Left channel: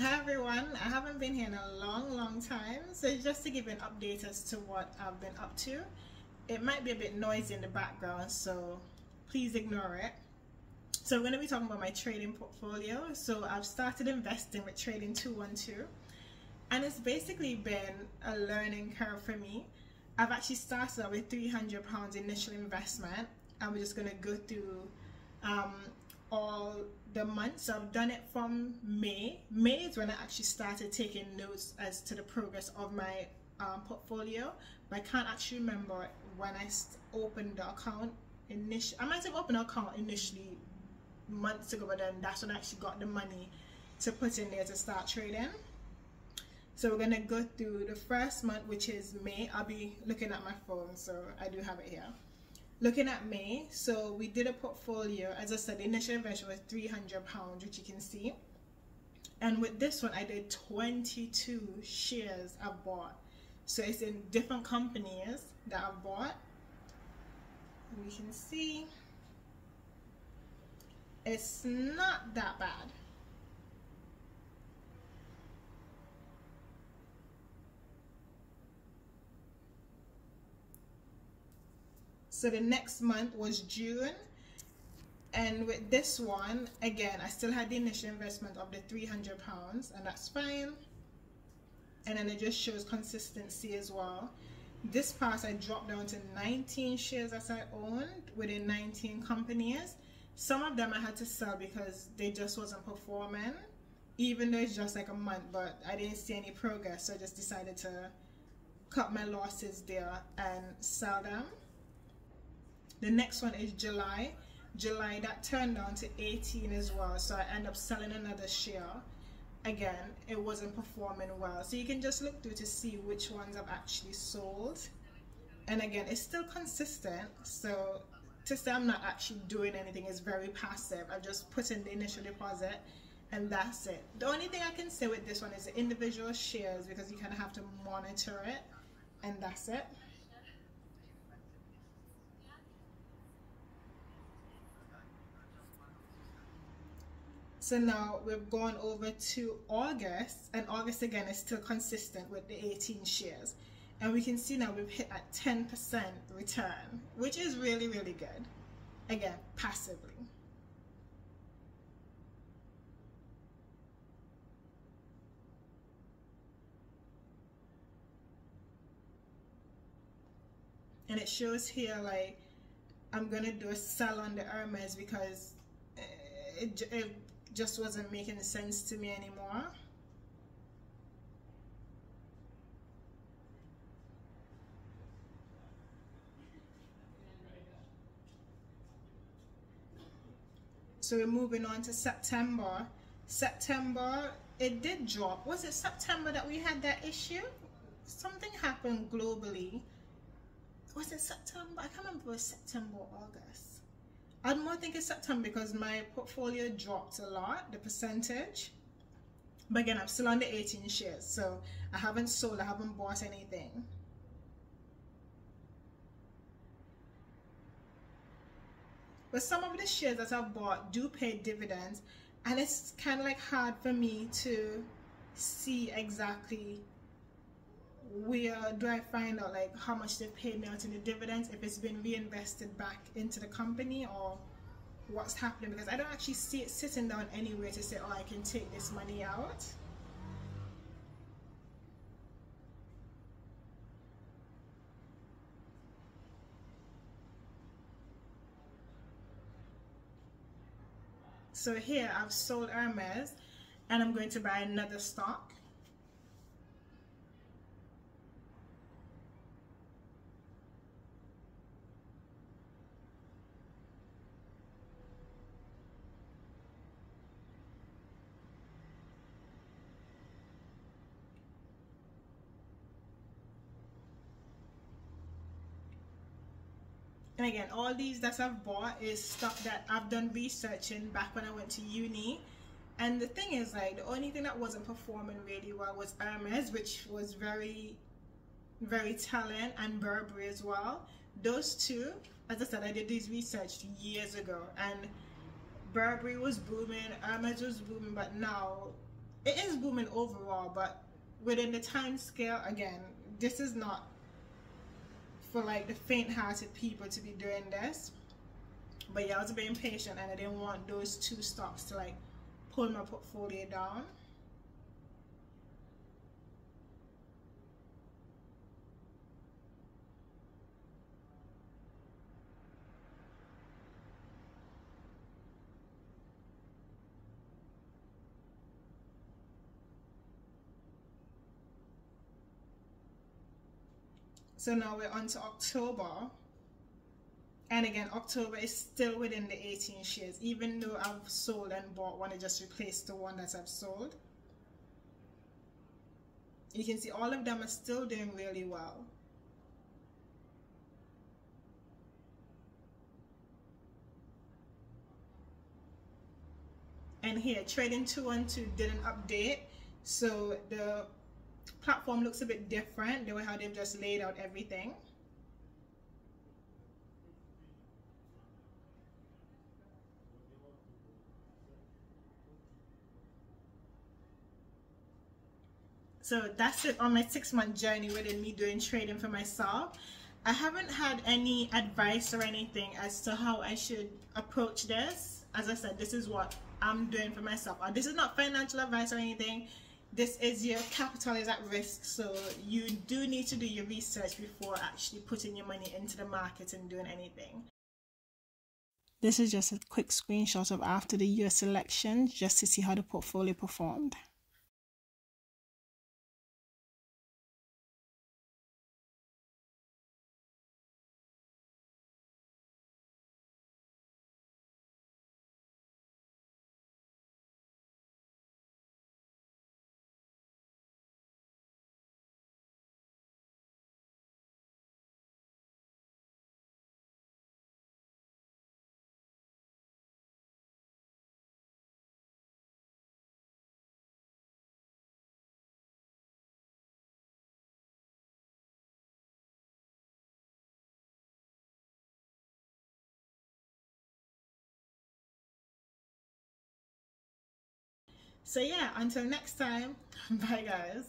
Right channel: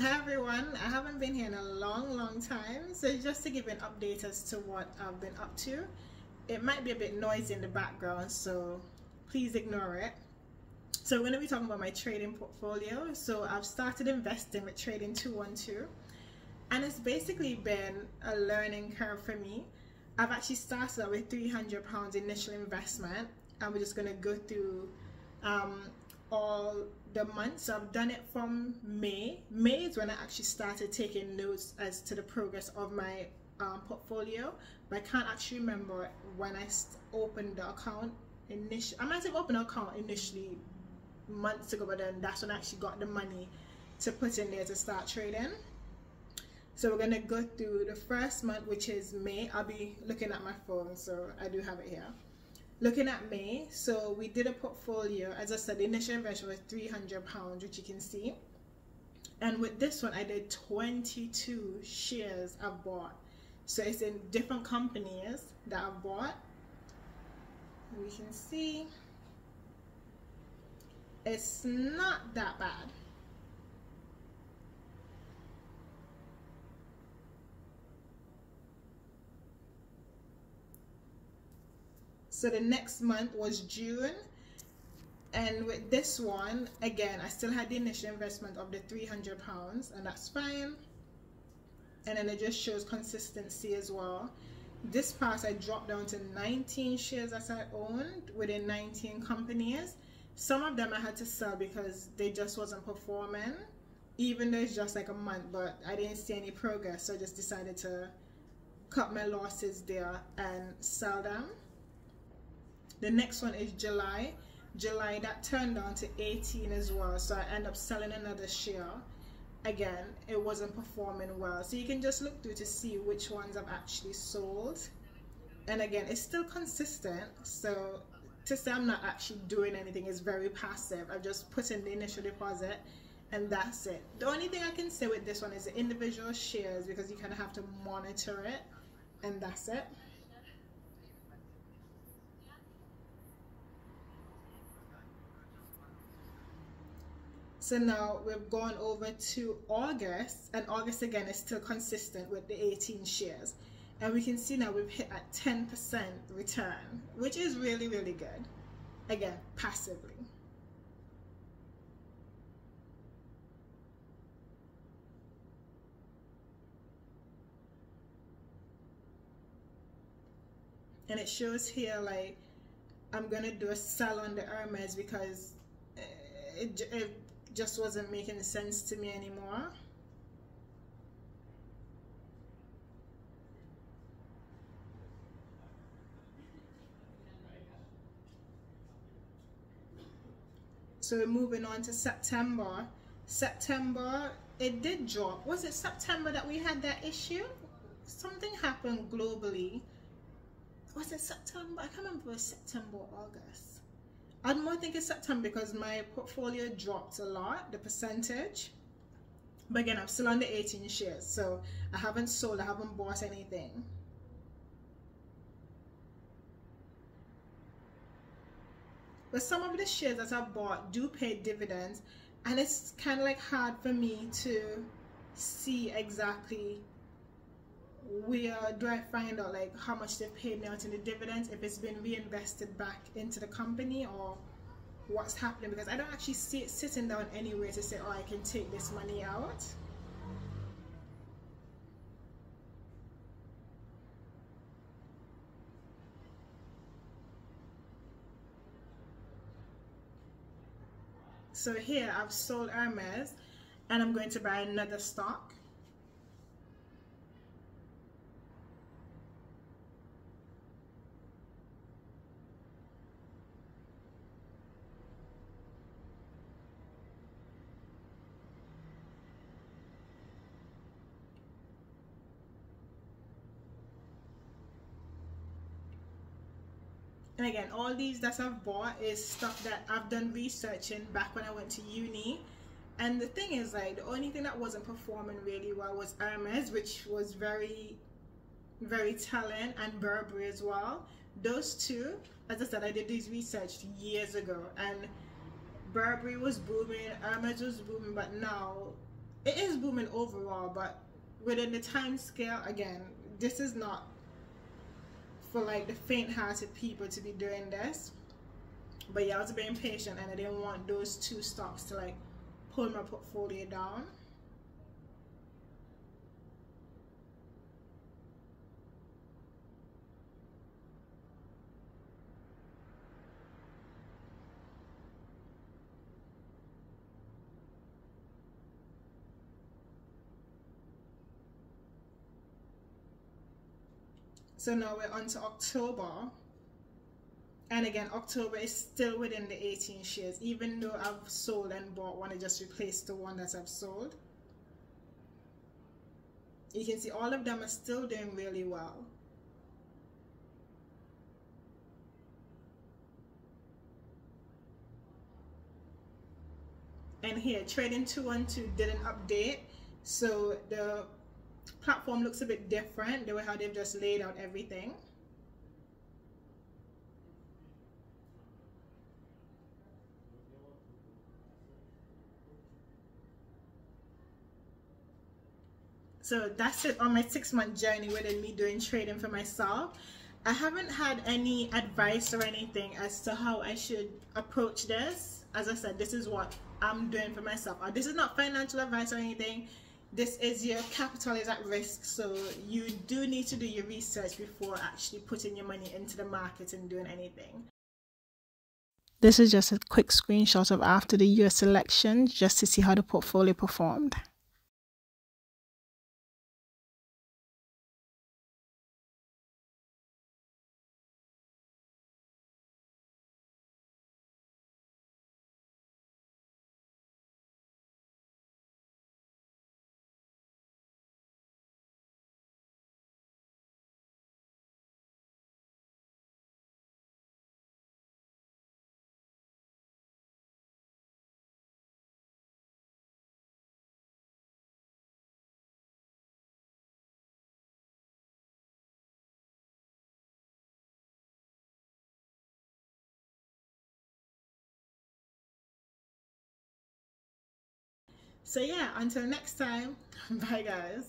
Hi everyone, I haven't been here in a long time, so just to give an update as to what I've been up to. It might be a bit noisy in the background, so please ignore it. So I'm going to be talking about my trading portfolio. So I've started investing with Trading 212, and it's basically been a learning curve for me. I've actually started out with £300 initial investment, and we're just going to go through all the months. So I've done it from May. May is when I actually started taking notes as to the progress of my portfolio, but I can't actually remember when I opened the account initially. I might have opened an account initially months ago, but then that's when I actually got the money to put in there to start trading. So we're going to go through the first month, which is May. I'll be looking at my phone, so I do have it here. Looking at May, so we did a portfolio. As I said, the initial investment was £300, which you can see. And with this one, I did 22 shares I've bought. So it's in different companies that I've bought. And you can see it's not that bad. So the next month was June, and with this one, again, I still had the initial investment of the £300, and that's fine. And then it just shows consistency as well. This part I dropped down to 19 shares that I owned within 19 companies. Some of them I had to sell because they just wasn't performing, even though it's just like a month, but I didn't see any progress, so I just decided to cut my losses there and sell them. The next one is July. July, that turned down to 18 as well, so I end up selling another share. Again, it wasn't performing well, so you can just look through to see which ones I've actually sold. And again, it's still consistent, so to say I'm not actually doing anything is very passive. I've just put in the initial deposit and that's it. The only thing I can say with this one is the individual shares, because you kind of have to monitor it, and that's it. So now we've gone over to August, and August again is still consistent with the 18 shares. And we can see now we've hit a 10% return, which is really good. Again, passively. And it shows here like I'm gonna do a sell on the Hermes because it just wasn't making sense to me anymore. So we're moving on to September. September, it did drop. Was it September that we had that issue? Something happened globally. Was it September? I can't remember if it was September or August. I'd more think it's September because my portfolio dropped a lot, the percentage. But again, I'm still on the 18 shares, so I haven't sold, I haven't bought anything. But some of the shares that I've bought do pay dividends, and it's kind of like hard for me to see exactly where do I find out like how much they've paid me out in the dividends, if it's been reinvested back into the company or what's happening, because I don't actually see it sitting down anywhere to say, oh, I can take this money out. So here I've sold Hermes and I'm going to buy another stock. And again, all these that I've bought is stuff that I've done researching back when I went to uni. And the thing is, like, the only thing that wasn't performing really well was Hermes, which was very telling, and Burberry as well. Those two, as I said, I did this research years ago, and Burberry was booming, Hermes was booming, but now it is booming overall, but within the time scale, again, this is not for like the faint-hearted people to be doing this. But yeah, I was being patient and I didn't want those two stocks to like pull my portfolio down. So now we're on to October. And again, October is still within the 18 shares, even though I've sold and bought one. I just replaced the one that I've sold. You can see all of them are still doing really well. And here, Trading 212 didn't update, so the platform looks a bit different the way how they've just laid out everything. So that's it on my 6-month journey within me doing trading for myself. I haven't had any advice or anything as to how I should approach this. As I said, this is what I'm doing for myself. This is not financial advice or anything. This is your capital is at risk, so you do need to do your research before actually putting your money into the market and doing anything. This is just a quick screenshot of after the US election, just to see how the portfolio performed. So yeah, until next time, bye guys.